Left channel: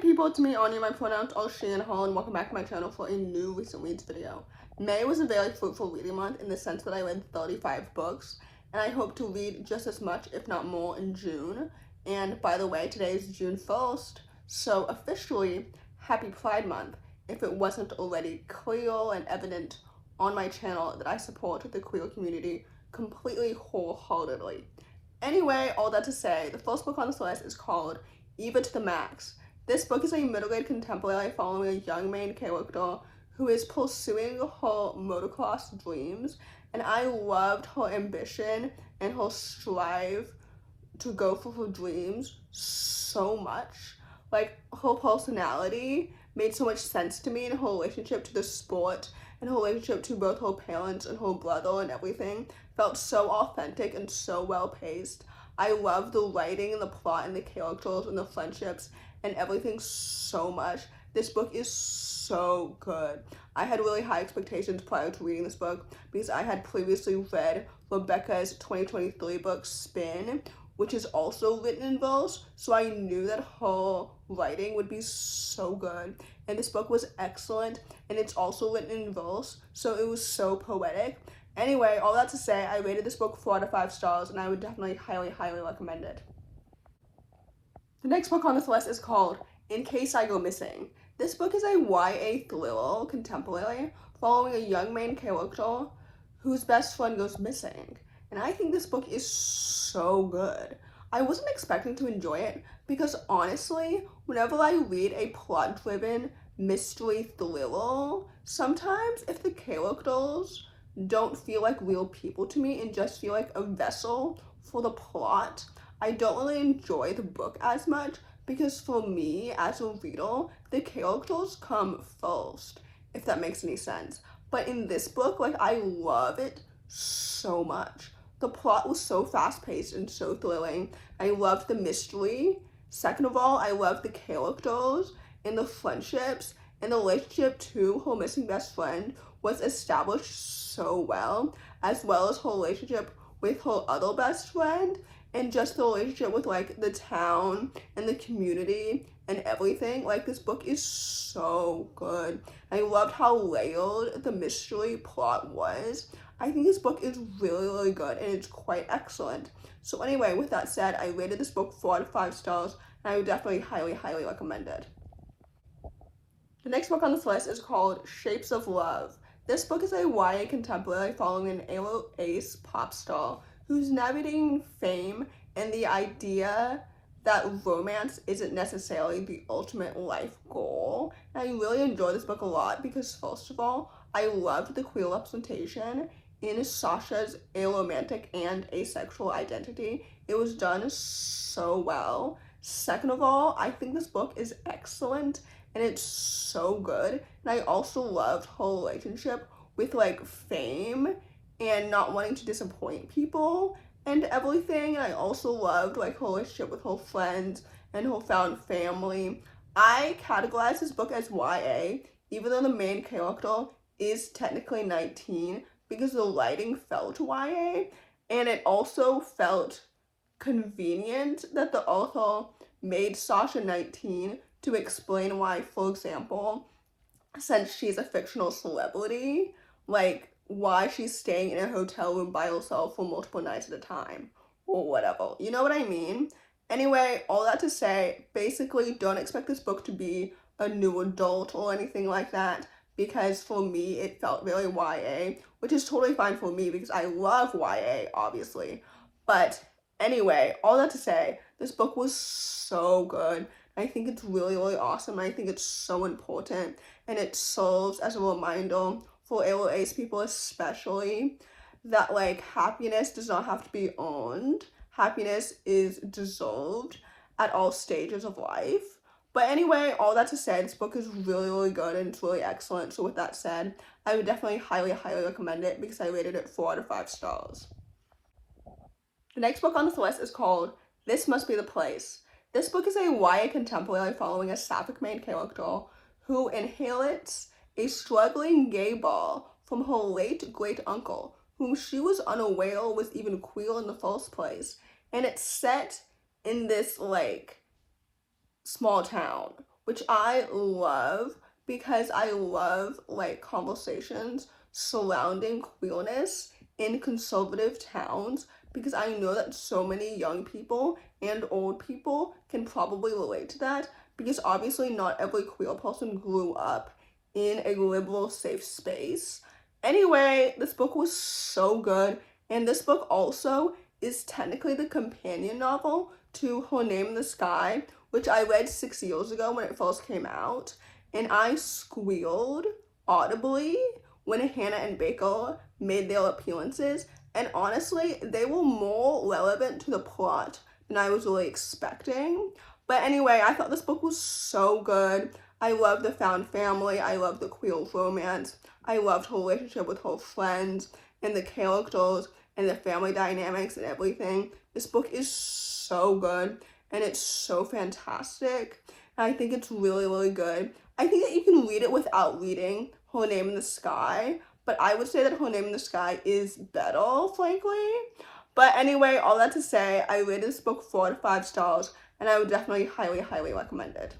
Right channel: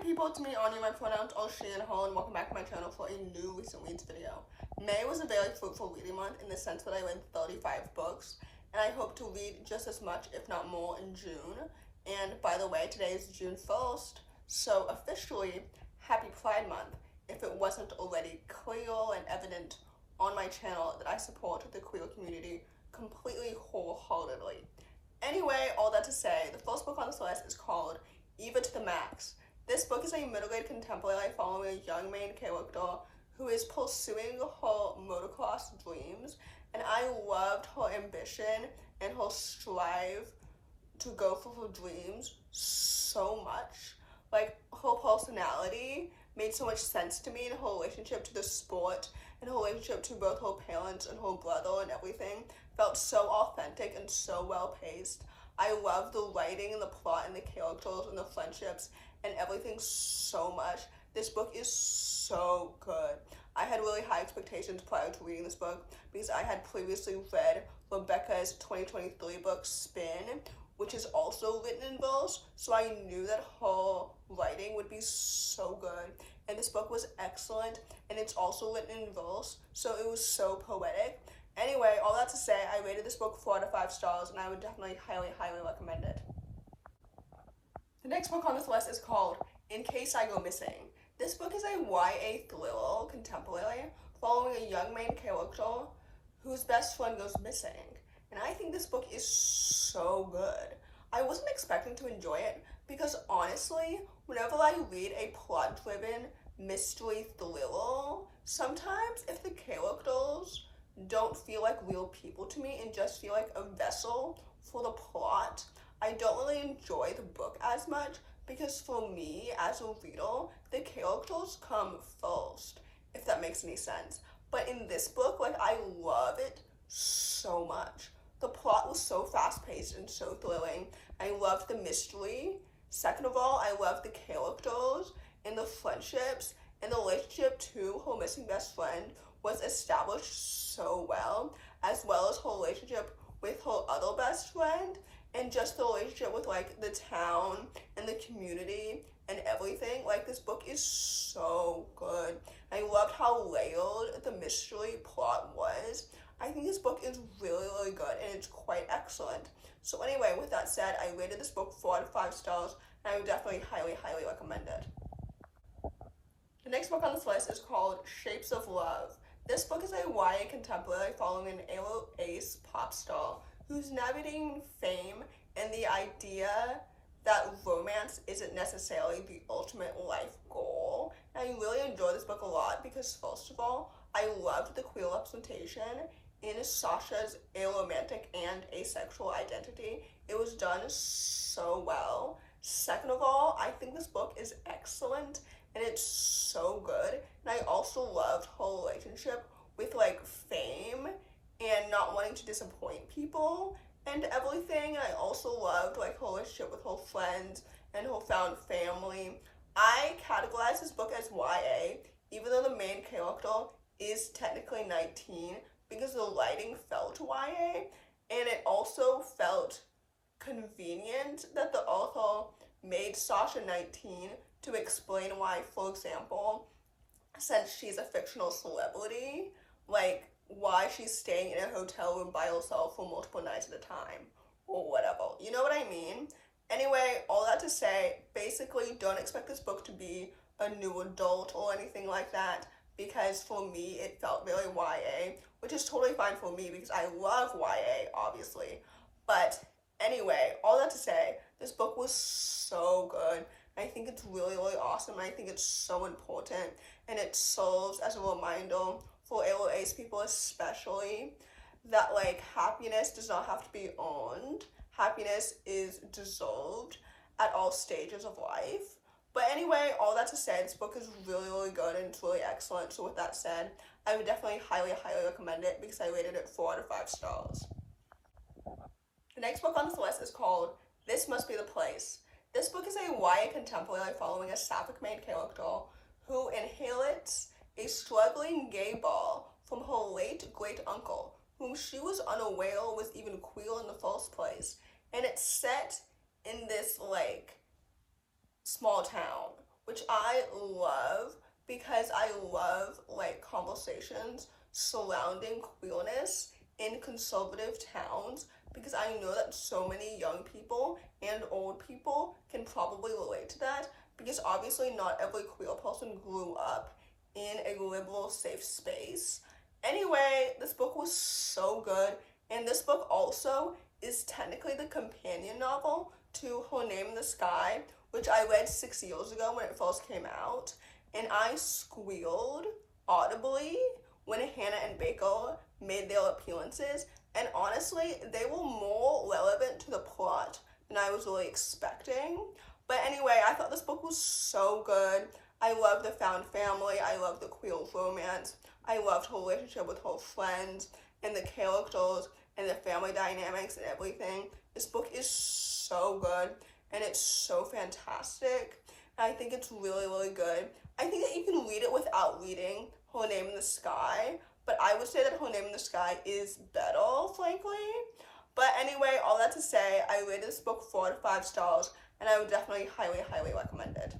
people, it's me, Anja. My pronouns are she and her, and welcome back to my channel for a new recent reads video. May was a very fruitful reading month in the sense that I read 35 books, and I hope to read just as much, if not more, in June. And by the way, today is June 1st, so officially, happy Pride Month, if it wasn't already clear and evident on my channel that I support the queer community completely wholeheartedly. Anyway, all that to say, the first book on this list is called Eva To The Max. This book is a middle-grade contemporary following a young main character who is pursuing her motocross dreams, and I loved her ambition and her strive to go for her dreams so much. Like, her personality made so much sense to me in her relationship to the sport and her relationship to both her parents and her brother, and everything felt so authentic and so well paced. I love the writing and the plot and the characters and the friendships and everything so much. This book is so good. I had really high expectations prior to reading this book because I had previously read Rebecca's 2023 book Spin, which is also written in verse, so I knew that her writing would be so good. And this book was excellent, and it's also written in verse, so it was so poetic. Anyway, all that to say, I rated this book 4 out of 5 stars, and I would definitely highly recommend it. The next book on this list is called In Case I Go Missing. This book is a YA thriller contemporary following a young main character whose best friend goes missing. And I think this book is so good. I wasn't expecting to enjoy it because honestly, whenever I read a plot-driven mystery thriller, sometimes if the characters don't feel like real people to me and just feel like a vessel for the plot, I don't really enjoy the book as much, because for me as a reader, the characters come first, if that makes any sense. But in this book, like, I love it so much. The plot was so fast-paced and so thrilling. I loved the mystery. Second of all, I loved the characters and the friendships, and the relationship to her missing best friend was established so well as her relationship with her other best friend, and just the relationship with, like, the town and the community and everything. Like, this book is so good. I loved how layered the mystery plot was. I think this book is really good, and it's quite excellent. So anyway, with that said, I rated this book 4 out of 5 stars, and I would definitely highly recommend it. The next book on this list is called Shapes of Love. This book is a YA contemporary following an emo ace pop star who's navigating fame and the idea that romance isn't necessarily the ultimate life goal. And I really enjoyed this book a lot because, first of all, I loved the queer representation in Sasha's aromantic and asexual identity. It was done so well. Second of all, I think this book is excellent and it's so good. And I also loved her relationship with, like, fame and not wanting to disappoint people and everything. And I also loved, like, her relationship with her friends and her found family. I categorize this book as YA, even though the main character is technically 19, because the writing felt YA, and it also felt convenient that the author made Sasha 19 to explain why, for example, since she's a fictional celebrity, like, why she's staying in a hotel room by herself for multiple nights at a time, or whatever. You know what I mean? Anyway, all that to say, basically, don't expect this book to be a new adult or anything like that, because for me, it felt very YA, which is totally fine for me because I love YA, obviously. But anyway, all that to say, this book was so good. I think it's really awesome. I think it's so important, and it serves as a reminder for ace people especially, that, like, happiness does not have to be earned. Happiness is deserved at all stages of life. But anyway, all that to say, this book is really good and it's really excellent. So with that said, I would definitely highly recommend it because I rated it 4 out of 5 stars. The next book on this list is called This Must Be the Place. This book is a YA contemporary following a sapphic main character who inherits a struggling gay bar from her late great-uncle, whom she was unaware was even queer in the first place. And it's set in this, like, small town, which I love because I love like conversations surrounding queerness in conservative towns, because I know that so many young people and old people can probably relate to that, because obviously not every queer person grew up in a liberal safe space. Anyway, this book was so good, and this book also is technically the companion novel to Her Name in the Sky, which I read 6 years ago when it first came out, and I squealed audibly when Hannah and Baker made their appearances, and honestly, they were more relevant to the plot than I was really expecting. But anyway, I thought this book was so good. I love the found family, I love the queer romance, I loved her relationship with her friends, and the characters, and the family dynamics and everything. This book is so good, and it's so fantastic, and I think it's really, really good. I think that you can read it without reading Her Name in the Sky, but I would say that Her Name in the Sky is better, frankly. But anyway, all that to say, I rated this book 4 out of 5 stars, and I would definitely highly, highly recommend it.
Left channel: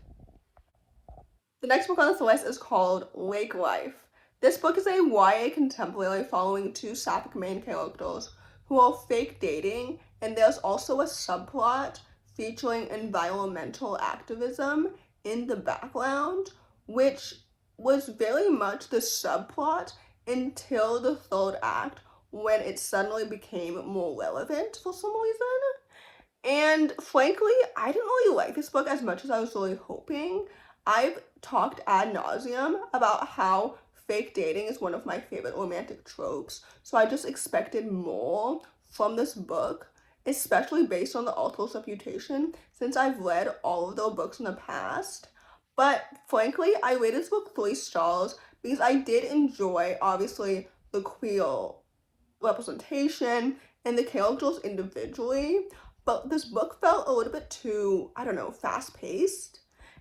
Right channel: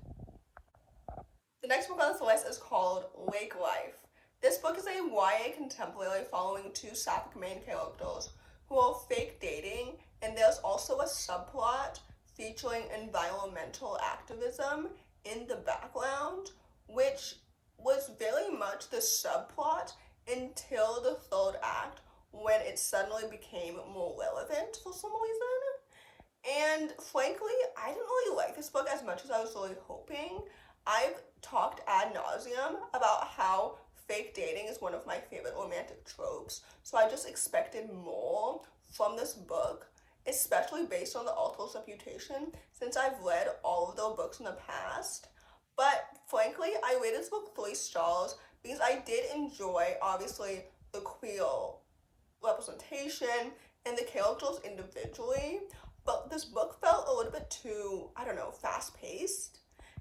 The next book on this list is called Lake Life. This book is a YA contemporary following two sapphic main characters who are fake dating, and there's also a subplot featuring environmental activism in the background, which was very much the subplot until the third act, when it suddenly became more relevant for some reason. And frankly, I didn't really like this book as much as I was really hoping. I've talked ad nauseum about how fake dating is one of my favorite romantic tropes, so I just expected more from this book, especially based on the author's reputation, since I've read all of their books in the past. But frankly, I rated this book 3 stars because I did enjoy, obviously, the queer representation and the characters individually, but this book felt a little bit too, I don't know, fast-paced.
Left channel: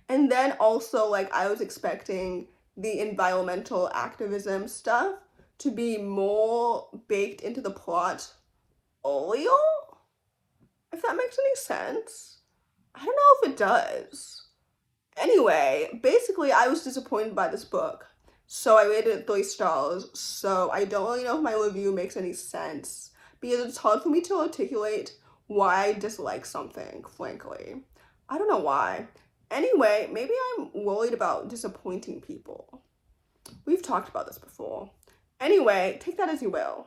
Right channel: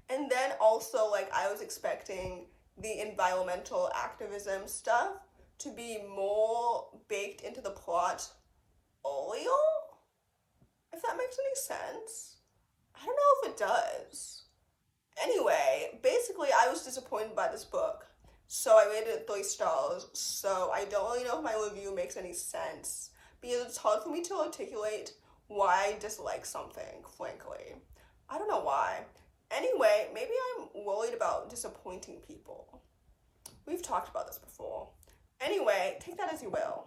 And then also, like, I was expecting the environmental activism stuff to be more baked into the plot earlier, if that makes any sense. I don't know if it does. Anyway, basically, I was disappointed by this book, so I rated it 3 stars, so I don't really know if my review makes any sense, because it's hard for me to articulate why I dislike something, frankly. I don't know why. Anyway, maybe I'm worried about disappointing people. We've talked about this before. Anyway, take that as you will.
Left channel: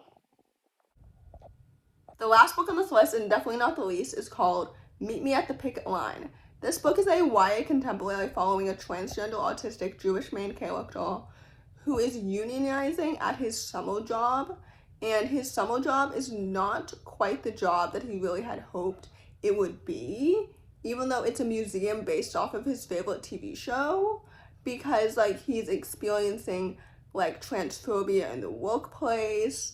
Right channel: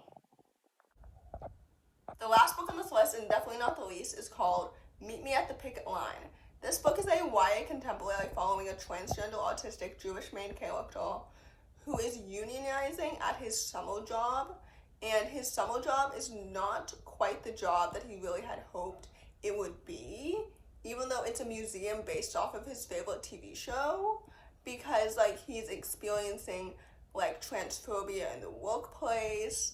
The last book on this list, and definitely not the least, is called Meet Me at the Picket Line. This book is a YA contemporary following a transgender autistic Jewish main character who is unionizing at his summer job, and his summer job is not quite the job that he really had hoped it would be, even though it's a museum based off of his favorite TV show, because like he's experiencing like transphobia in the workplace.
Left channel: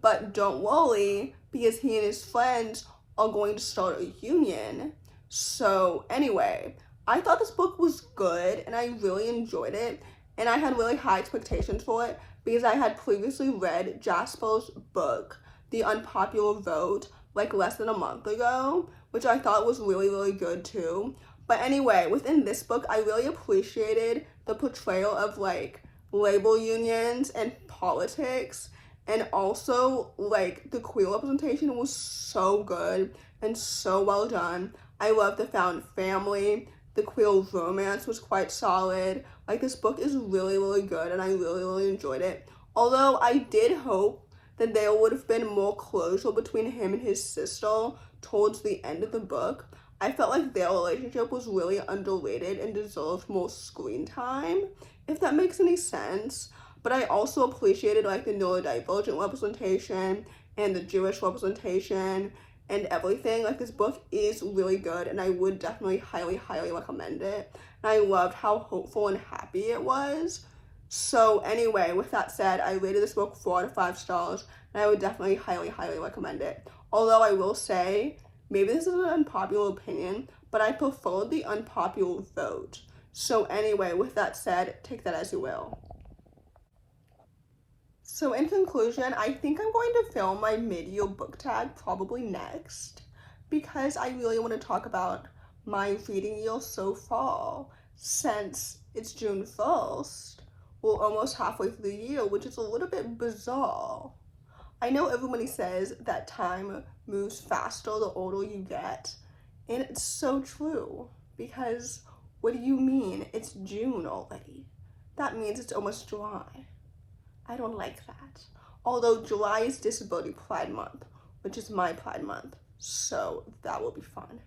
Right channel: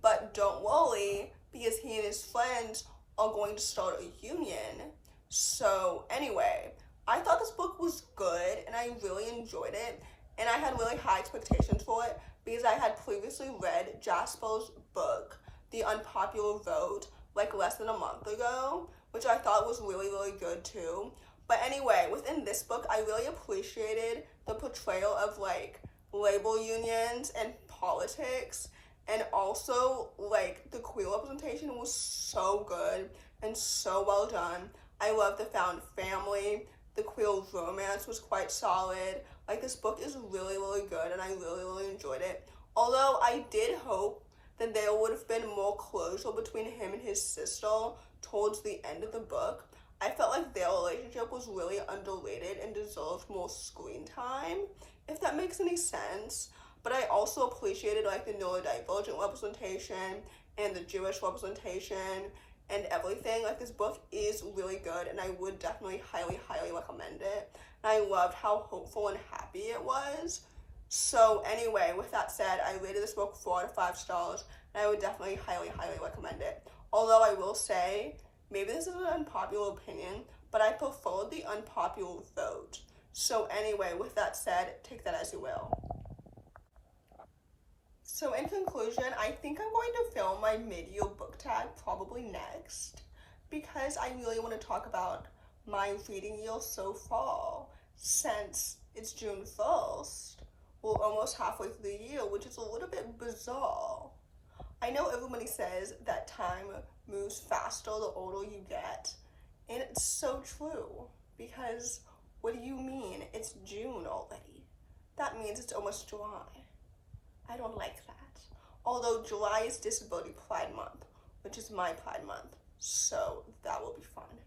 But don't worry, because he and his friends are going to start a union. So anyway, I thought this book was good and I really enjoyed it, and I had really high expectations for it because I had previously read Jasper's book, The Unpopular Vote, like less than a month ago, which I thought was really, really good too. But anyway, within this book, I really appreciated the portrayal of like labor unions and politics, and also like the queer representation was so good and so well done. I love the found family. The queer romance was quite solid. Like, this book is really, really good, and I really, really enjoyed it. Although I did hope that there would have been more closure between him and his sister towards the end of the book. I felt like their relationship was really underrated and deserved more screen time, if that makes any sense. But I also appreciated like the neurodivergent representation and the Jewish representation and everything. Like, this book is really good, and I would definitely highly, highly recommend it. And I loved how hopeful and happy it was. So anyway, with that said, I rated this book 4 out of 5 stars, and I would definitely highly, highly recommend it. Although I will say, maybe this is an unpopular opinion, but I preferred The Unpopular Vote. So anyway, with that said, take that as you will. So in conclusion, I think I'm going to film my mid-year book tag probably next, because I really want to talk about my reading year so far, since it's June 1st. We're almost halfway through the year, which is a little bit bizarre. I know everybody says that time moves faster the older you get, and it's so true, because what do you mean it's June already? That means it's almost July. I don't like that. Although July is Disability Pride Month, which is my Pride Month, so that will be fun.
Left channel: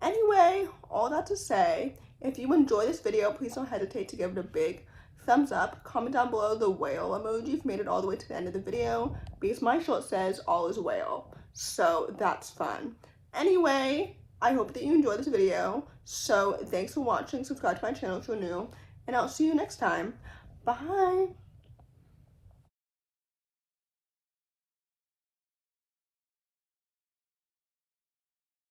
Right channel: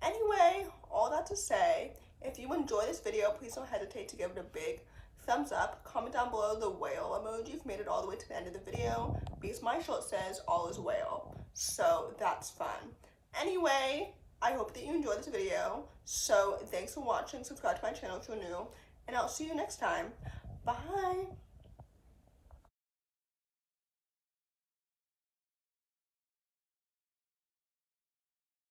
Anyway, all that to say, if you enjoy this video, please don't hesitate to give it a big thumbs up. Comment down below the whale emoji if you made it all the way to the end of the video, because my shirt says all is whale, so that's fun. Anyway, I hope that you enjoyed this video, so thanks for watching. Subscribe to my channel if you're new, and I'll see you next time. Bye!